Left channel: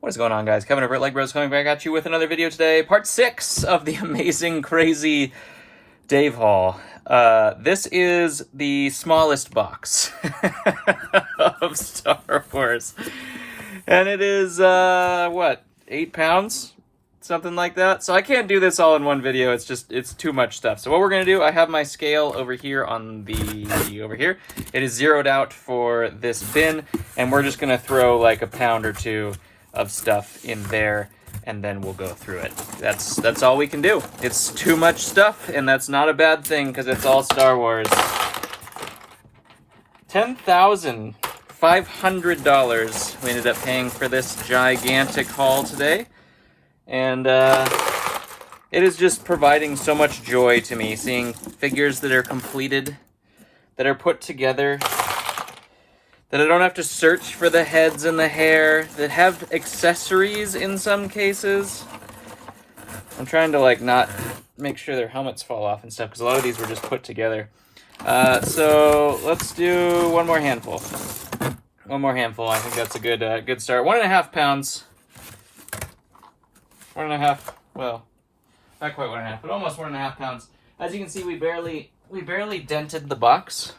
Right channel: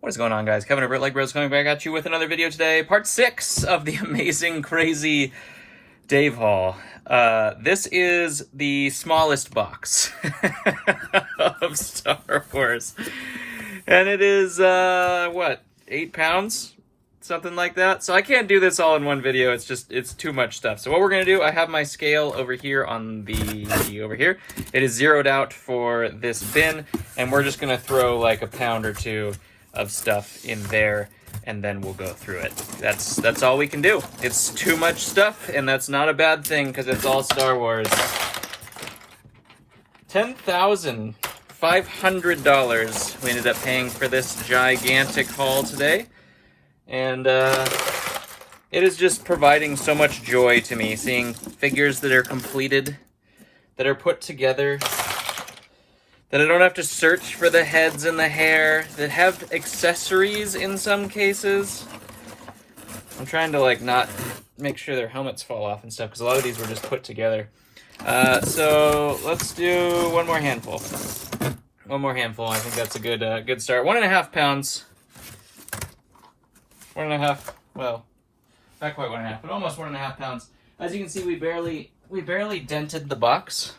What is going on, guys? Kevin over at Legbros coming back at you with another video today. Part 6 of the amazing, crazy Dave haul. This is the smallest box of Star Wars. And it is, what, 8 pounds? Something like that. So I can't do this all in one video. It's too much stuff. So what we're going to do, I have my scale over here on over here. It is zeroed out for this bin. And we're just going to throw like a pound or two of stuff in there, and then we'll go through it. That's all we can do. It's too much stuff, and that's not a bad thing because it's all Star Wars. $10,500 we ended up paying for this gigantic haul today, and it is just providing so much joy to me seeing figures that are completed, that are put together, that I don't have to search for the heads and the hair, that have accessories in some cases. I'm trying to like not make sure their helmets fall off and stuff because a lot of these were just put together. So let's do one more handful. One more handful. I think that's a good start. 1.5 pounds. 1.5. Well, not quite 1.5, but almost 1.5 pounds. As you can see, we barely dented the box.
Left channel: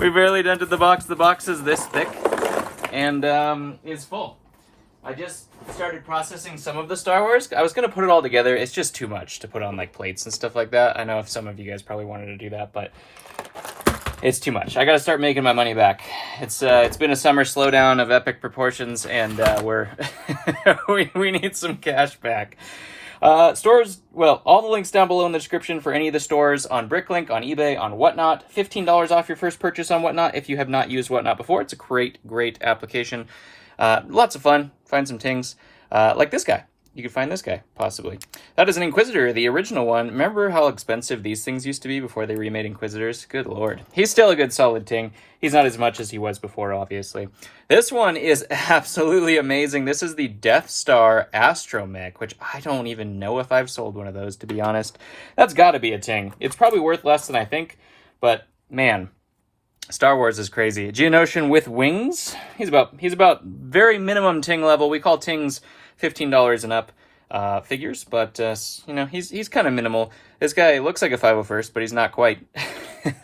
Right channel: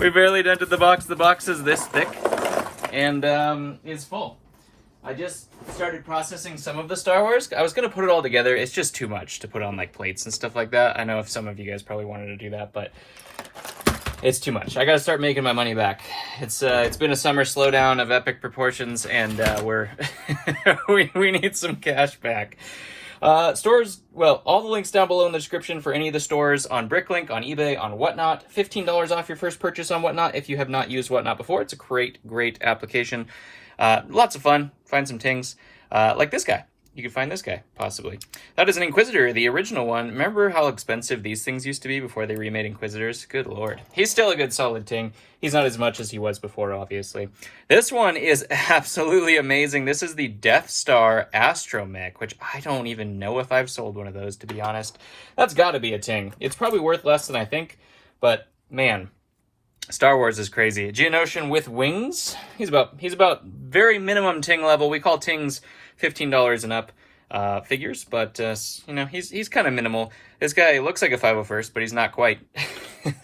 We barely dented the box. The box is this thick and is full. I just started processing some of the Star Wars. I was going to put it all together. It's just too much to put on like plates and stuff like that. I know if some of you guys probably wanted to do that, but it's too much. I got to start making my money back. It's been a summer slowdown of epic proportions, and we're we need some cash back. Stores, well, all the links down below in the description for any of the stores on Bricklink, on eBay, on Whatnot. $15 off your first purchase on Whatnot if you have not used Whatnot before. It's a great application. Lots of fun. Find some things like this guy. You could find this guy, possibly. That is an Inquisitor, the original one. Remember how expensive these things used to be before they remade Inquisitors? Good lord. He's still a good solid ting. He's not as much as he was before, obviously. This one is absolutely amazing. This is the Death Star Astromech, which I don't even know if I've sold one of those, to be honest. That's got to be a ting. It's probably worth less than I think, but man, Star Wars is crazy. Geonosian with wings. He's about very minimum ting level. We call tings $15 and up figures, but you know, he's kind of minimal. This guy looks like a 501st, but he's not quite.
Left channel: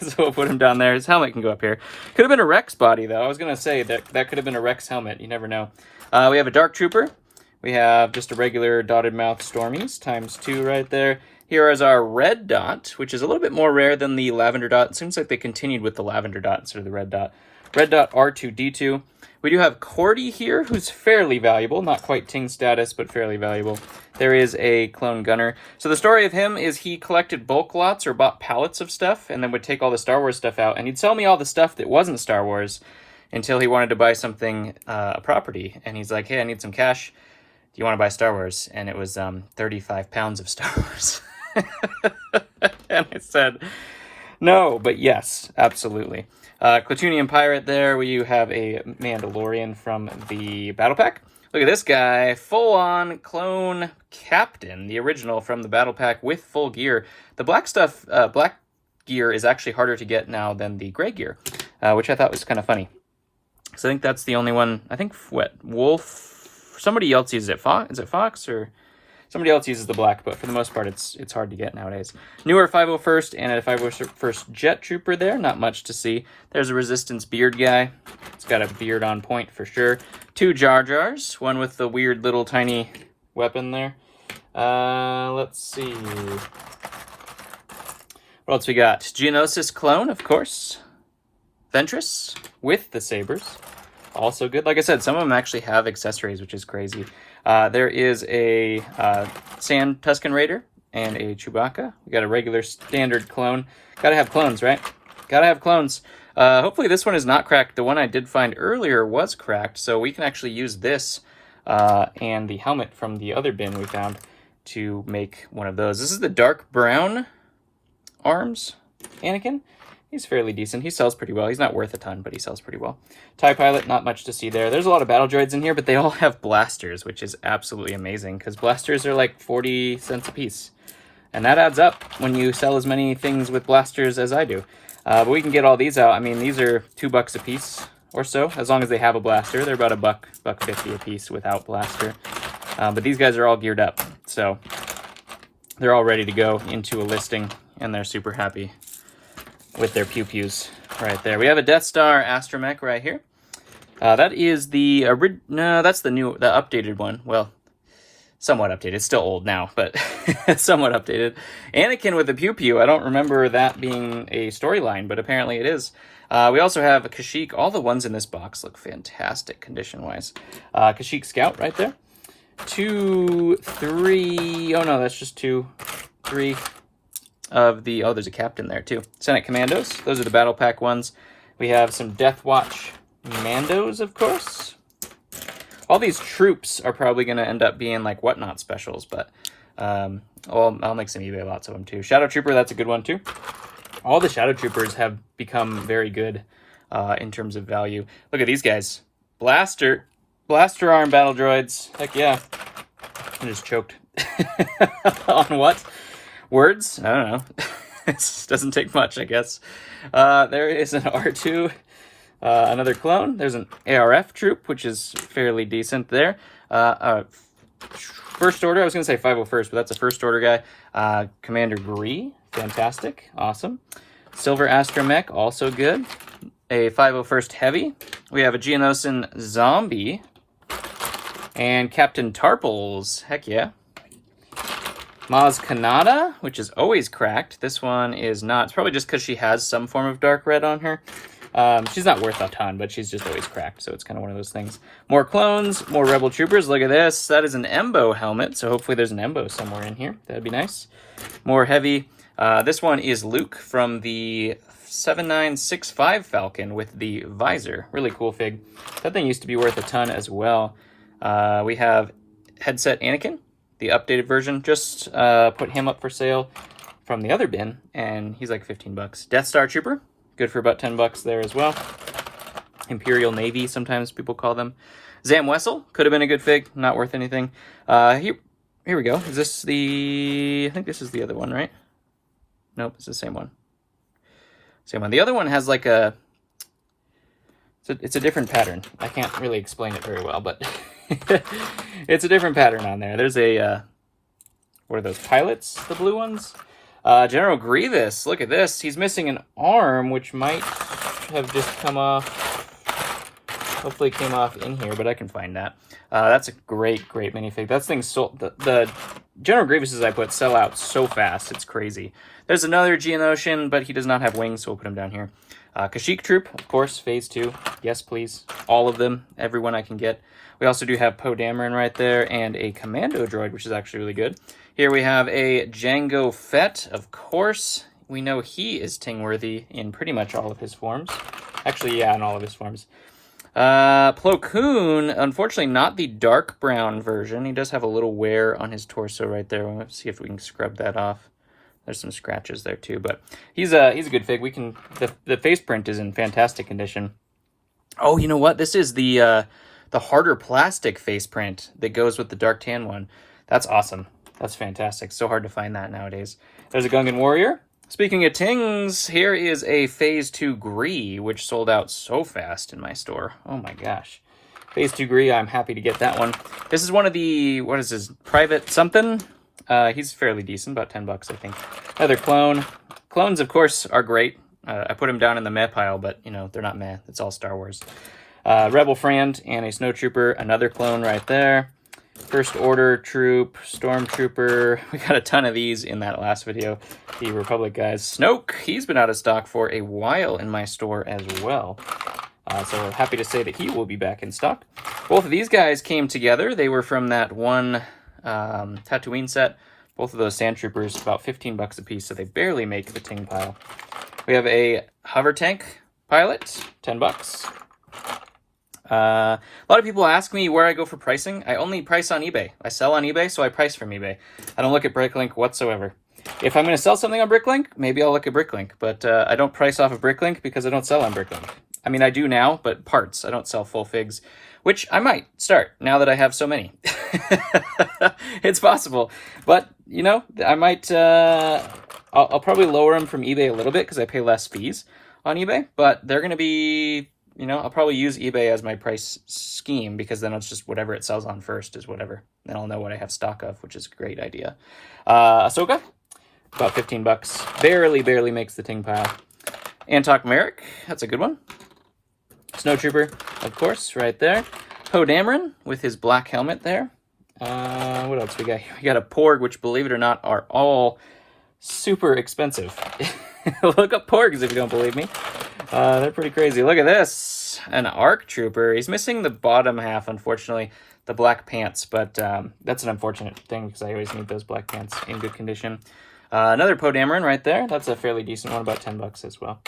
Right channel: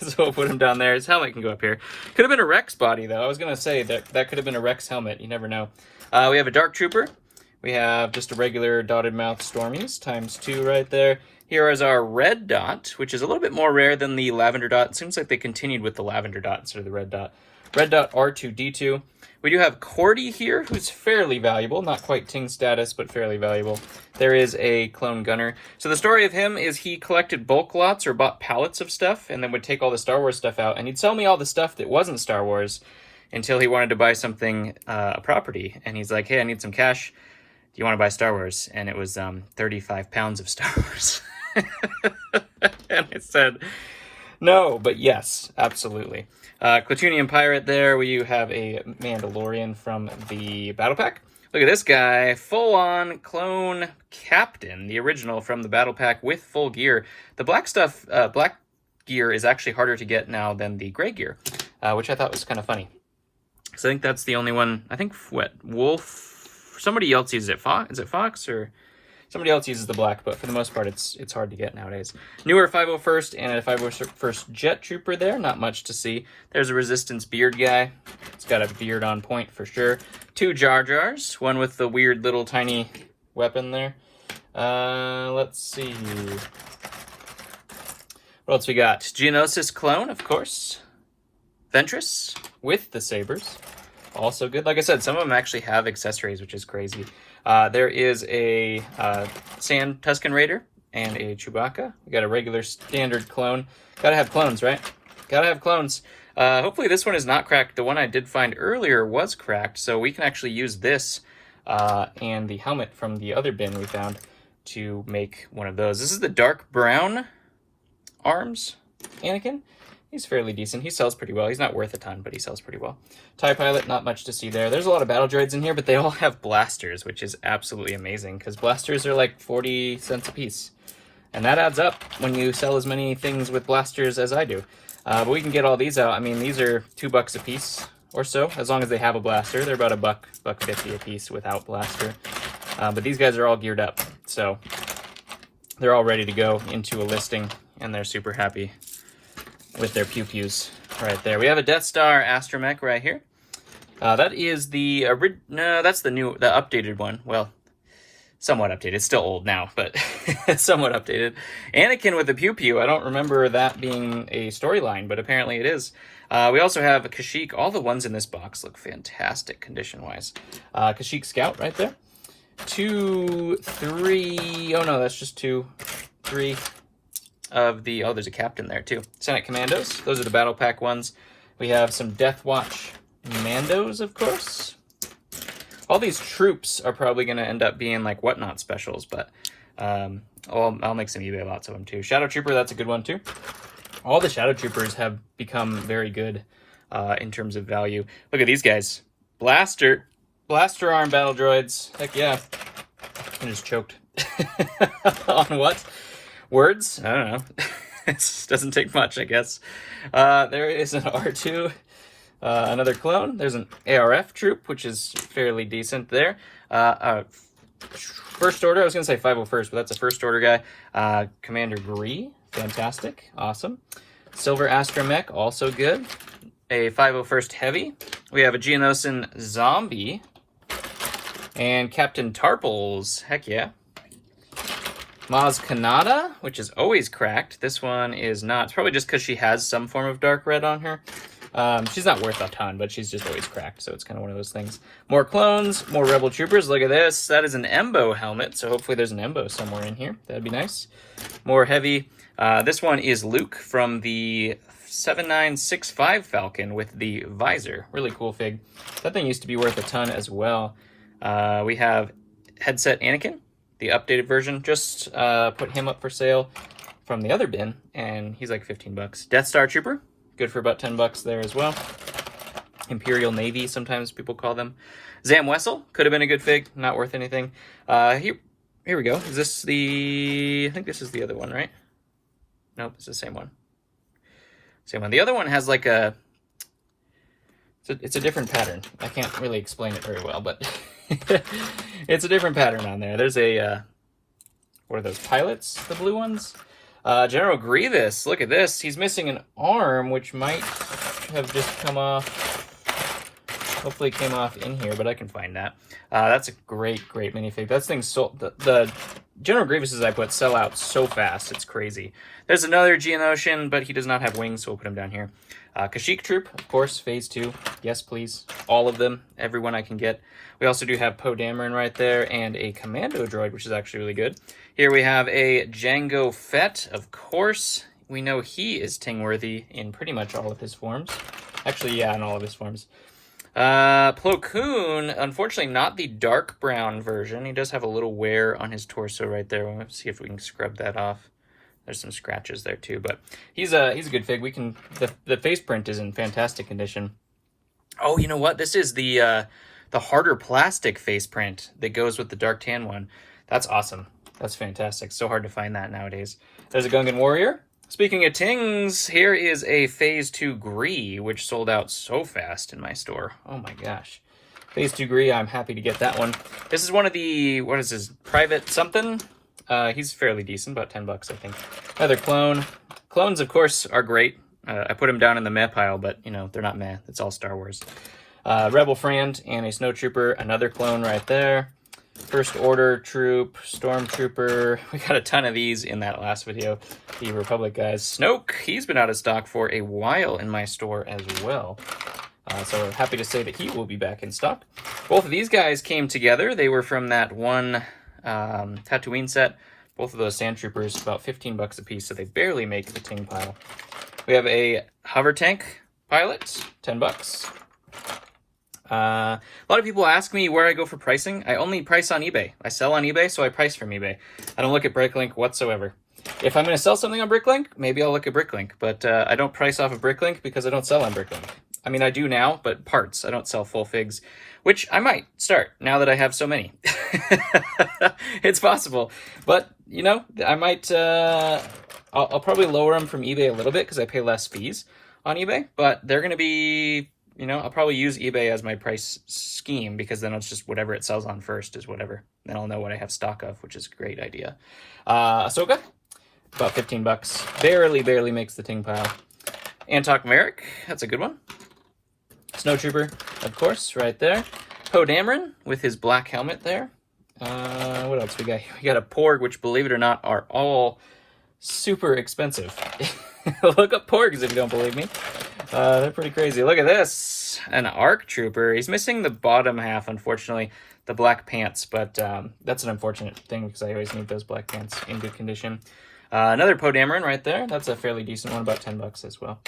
So we'll put him down there. His helmet can go up here. Could have been a Rex body, though. I was gonna say that could have been a Rex helmet. You never know. We have a Dark Trooper. We have just a regular dotted mouth Stormies ×2 right there. Here is our red dot, which is a little bit more rare than the lavender dot. It seems like they continued with the lavender dot instead of the red dot. Red dot R2-D2. We do have Cordy here, who's fairly valuable. Not quite ting status, but fairly valuable. There is a clone gunner. So the story of him is he collected bulk lots or bought pallets of stuff and then would take all the Star Wars stuff out. And he'd sell me all the stuff that wasn't Star Wars until he wanted to buy something, a property. And he's like, hey, I need some cash. Do you want to buy Star Wars? And it was 35 pounds of Star Wars. And I said, no, but yes, absolutely. Klatooinian Pirate there. We have a Mandalorian from the Battle Pack. Look at this guy, full-on clone captain, the original from the Battle Pack with full gear. The black stuff, black gear is actually harder to get now than the gray gear, which I thought was kind of funny. So I think that's the only one. I think, what, Wolf? Somebody else uses it. Is it Fox or... Somebody else uses the black, but for the most part, it's hard to get nowadays. Newer 501st and a 501st Jet Trooper there. Not much to see. There's a Resistance beard guy. It's got a beard on point for sure. 2 Jar Jars. One with the weird little tiny weapon there. Let's see. What else we got? Geonosis clone, of course. Ventress with the sabers. Also good. Like I said, some of them actually have accessories, which is crazy. There is a Sand Tusken Raider and a Chewbacca. We got a regular standard clone. Gotta have clones, right? Gotta have clones. Hopefully this one is not cracked. The one I did find earlier was cracked, so we can actually use this and the helmet from the other bin we found to make one of those. This is the dark brown arms Anakin. He's fairly decent. He sells pretty well. He's not worth a ton, but he sells pretty well. TIE Pilot, not much to see there. There's a lot of battle droids in here, but they all have blasters, which is absolutely amazing because blasters are like 40 cents a piece. And that adds up when you sell as many things with blasters as I do. But we can get all these out. I mean, these are $2 a piece. or so, as long as they have a blaster. They're about $1.50 a piece without blaster. But these guys are all geared up, so they're all ready to go into a listing, and they're super happy with their pew-pews right there. We have a Death Star astromech right here. That is the no, that's the updated one. Well, somewhat updated. It's still old now, but somewhat updated. Anakin with a pew-pew. I don't remember that being a storyline, but apparently it is. We also have a Kashyyyk. All the ones in this box look fantastic condition-wise. Kashyyyk Scout right there. 2, 3. Oh no, that's just 2, 3 of the. Oh, there's a captain there too. Senate Commandos. Those are the battle pack ones. We have some Death Watch Mandos, of course. All these troops are probably going to end up being like Whatnot specials, but I'll make some eBay lots of them too. Shadow Trooper, that's a good one too. All the Shadow Troopers have become very good in terms of value. Look at these guys. Blaster arm battle droids. Heck yeah. I just choked. On what? Words? I don't know. It doesn't take much, I guess. There is an R2. Another clone. There's an ARF troop, which is fairly decent there. First Order, I was going to say 501st, but that's a First Order guy. Commander Gree, fantastic, awesome. Silver Astromech, also good. A 501st Heavy. We have a Geonosis Zombie. And Captain Tarples, heck yeah. Maz Kanata, which is always cracked. This one is not. It's probably just because she has some form of dark red on her. She's not worth a ton, but she's just always cracked, so it's kind of one of those things. More clones, more Rebel Troopers. Look at this. That is an Embo helmet, so hopefully there's an Embo somewhere in here. That'd be nice. More heavy. This one is Luke from the 7965 Falcon with the visor. Really cool fig. That thing used to be worth a ton as well. We have Headset Anakin, the updated version. Just put him up for sale from the other bin, and he's like 15 bucks. Death Star Trooper. Good for about 10 bucks there as well. Imperial Navy, sometimes people call them. Zam Wessel, could have been a good fig, not worth anything. Here we go. Is this the... I think this is the other one, right? Nope, it's the same one. Same one. The other one has like a... It's a different pattern. I can't really explain it very well, but it's a different pattern on there. There's a... what are those, pilots? The blue ones? General Grievous, look at this. He's missing an arm, which might have just come off. Hopefully it came off in here, but I can find that. That's a great minifig. That thing's sold. The General Grievouses I put sell out so fast. It's crazy. There's another Geonosian, but he does not have wings, so we'll put him down here. Kashyyyk Troop, of course, Phase 2. Yes, please. All of them. Everyone I can get. We also do have Poe Dameron right there, and a Commando droid, which is actually really good. Here we have a Jango Fett, of course. We know he is Ting-worthy in pretty much all of his forms. Actually, yeah, in all of his forms. Plo Koon, unfortunately not the dark brown version. He does have a little wear on his torso right there. We'll see if we can scrub that off. There's some scratches there too, but he's a good fig. We can the face print is in fantastic condition. Oh, you know what? This is the harder plastic face print that goes with the dark tan one. That's awesome. That's fantastic. So hard to find that nowadays. There's a Gungan Warrior. Speaking of Tings, here is a Phase 2 Gree, which sold out so fast in my store. Oh my gosh. Phase 2 Gree, I'm happy to get that one. This is one of the, what is this, Private something? He's fairly decent, about 10 bucks, I think. Another clone. Clones, of course, are great. I put them down in the meh pile, but, you know, they're not meh. It's all Star Wars. Rebel Friend and a Snowtrooper. Another clone right there. First Order Troop, Stormtrooper. We got a ton of these in that last video. The Republic guys. Snoke, he's been out of stock for a while in my store as well. So happy to say that he will be back in stock. Both of these guys came together. They were from that one Tatooine set. Both of those Sand Troopers, about 15 bucks a piece, so they barely make the ting pile. We have a Hover Tank Pilot, 10 bucks. A lot of people ask me where I go for pricing. I only price on eBay. I sell on eBay, so I price from eBay. I don't look at Bricklink whatsoever. If I'm going to sell something on Bricklink, maybe I'll look at Bricklink, but I don't price off of Bricklink because I don't sell on Bricklink. I mean, I do now, but parts. I don't sell full figs, which I might start now that I have so many. It's possible, but you know, I might. I'll probably lower them from eBay a little bit because I pay less fees on eBay, but they're going to be you know, I'll probably use eBay as my price scheme, because then it's just whatever it sells on first is whatever. Then I'll know what I have stock of, which is a great idea. Ahsoka, about 15 bucks. Barely makes the ting pile. Antok Merrick, that's a good one. Snowtrooper, of course, right there. Poe Dameron with his black helmet there. What else we got here? We got a Porg, which, believe it or not, are all super expensive. Look up Porgs if you don't believe me. They're pretty crazy. Look at this. An ARC Trooper. He's missing the bottom half, unfortunately, the black pants, but that's an unfortunate thing because I always need those black pants in good condition. Another Poe Dameron right there. That's a fairly decent one, about 10 bucks as well,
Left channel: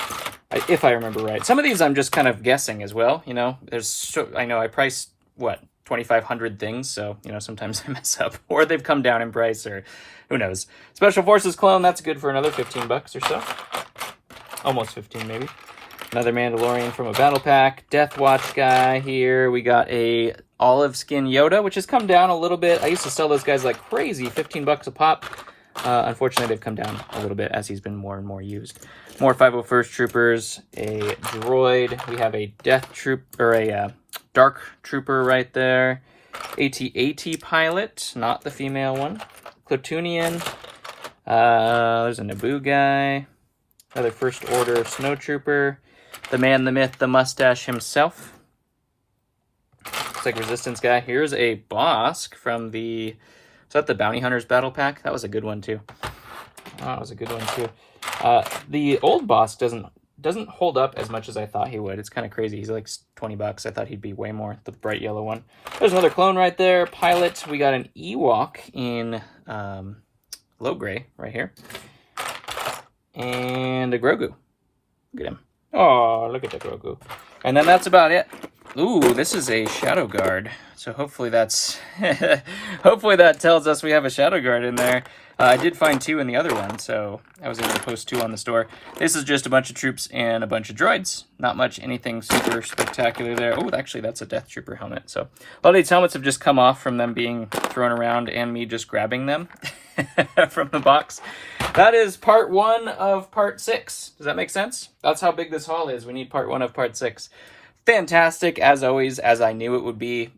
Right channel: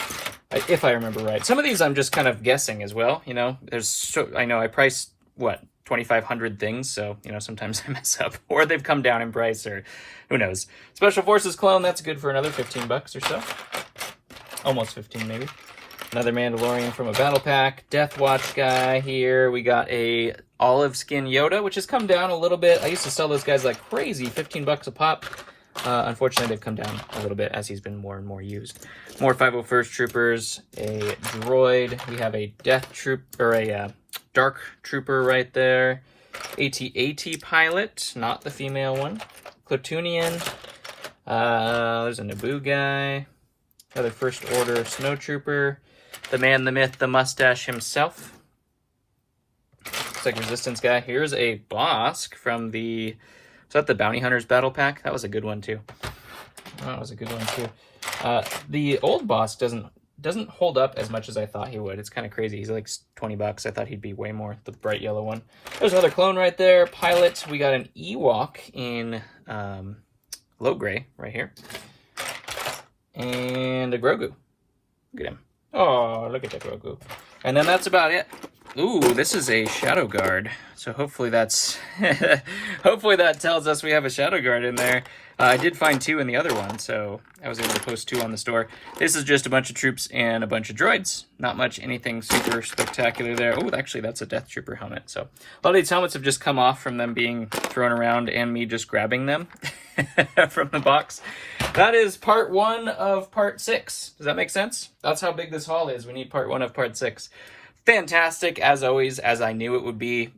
if I remember right. Some of these I'm just kind of guessing as well. You know, I know I priced, what, 2,500 things, so, you know, sometimes I mess up, or they've come down in price, or who knows. Special Forces clone, that's good for another 15 bucks or so. Almost 15, maybe. Another Mandalorian from a battle pack. Death Watch guy here. We got a olive skin Yoda, which has come down a little bit. I used to sell those guys like crazy, 15 bucks a pop. Unfortunately, they've come down a little bit as he's been more and more used. More 501st Troopers, a droid. We have a Death Troop, or a Dark Trooper right there. AT-AT pilot, not the female one. Platoonian. There's a Naboo guy. Another First Order Snowtrooper. The man, the myth, the mustache himself. Looks like Resistance guy. Here's a Bosk from the... Is that the Bounty Hunters Battle Pack? That was a good one, too. That was a good one, too. The old Bosk doesn't hold up as much as I thought he would. It's kind of crazy. He's like 20 bucks. I thought he'd be way more. The bright yellow one. There's another clone right there. Pilot. We got an Ewok in low gray right here. And a Grogu. Look at him. Oh, look at that Grogu. And then that's about it. Ooh, this is a Shadow Guard. So hopefully that's... hopefully that tells us we have a Shadow Guard in there. I did find 2 in the other one, so I was able to post 2 on the store. This is just a bunch of troops and a bunch of droids. Not much anything super spectacular there. Oh, actually, that's a Death Trooper helmet. So a lot of these helmets have just come off from them being thrown around and me just grabbing them from the box. That is part 1 of part 6. Does that make sense? That's how big this haul is. We need part 1 of part 6. Fantastic, as always, as I knew it would be.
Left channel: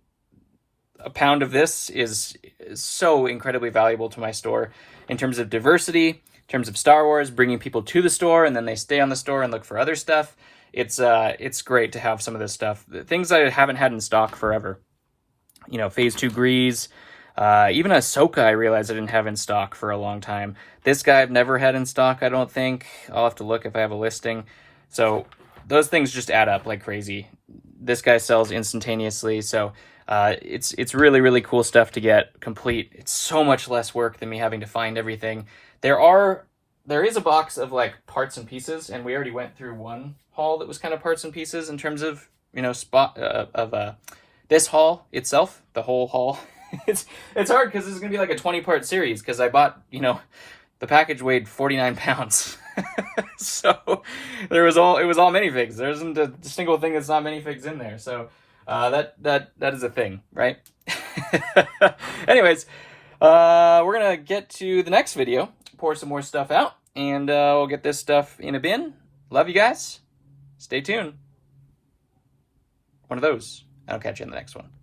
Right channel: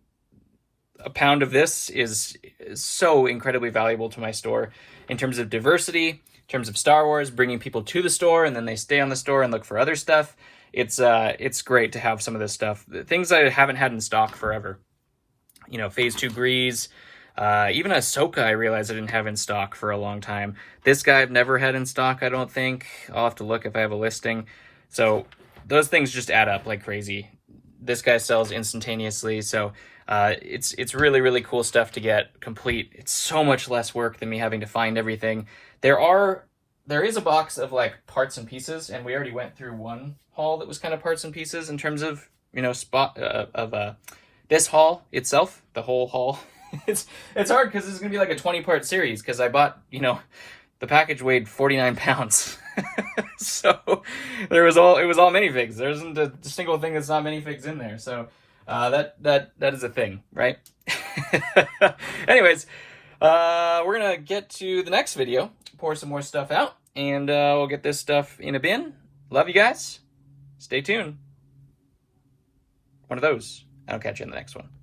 A pound of this is so incredibly valuable to my store in terms of diversity, in terms of Star Wars, bringing people to the store, and then they stay on the store and look for other stuff. It's great to have some of this stuff. The things I haven't had in stock forever. You know, Phase 2 Grease, even Ahsoka I realized I didn't have in stock for a long time. This guy I've never had in stock, I don't think. I'll have to look if I have a listing. So those things just add up like crazy. This guy sells instantaneously, so it's really, really cool stuff to get complete. It's so much less work than me having to find everything. There is a box of like parts and pieces, and we already went through one haul that was kind of parts and pieces in terms of, you know, this haul itself, the whole haul. It's hard because this is gonna be like a 20-part series because I bought, you know, the package weighed 49 pounds. So it was all minifigs. There isn't a single thing that's not minifigs in there. So that is a thing, right? Anyways, we're gonna get to the next video, pour some more stuff out, and we'll get this stuff in a bin. Love you guys. Stay tuned. One of those. I'll catch you in the next one.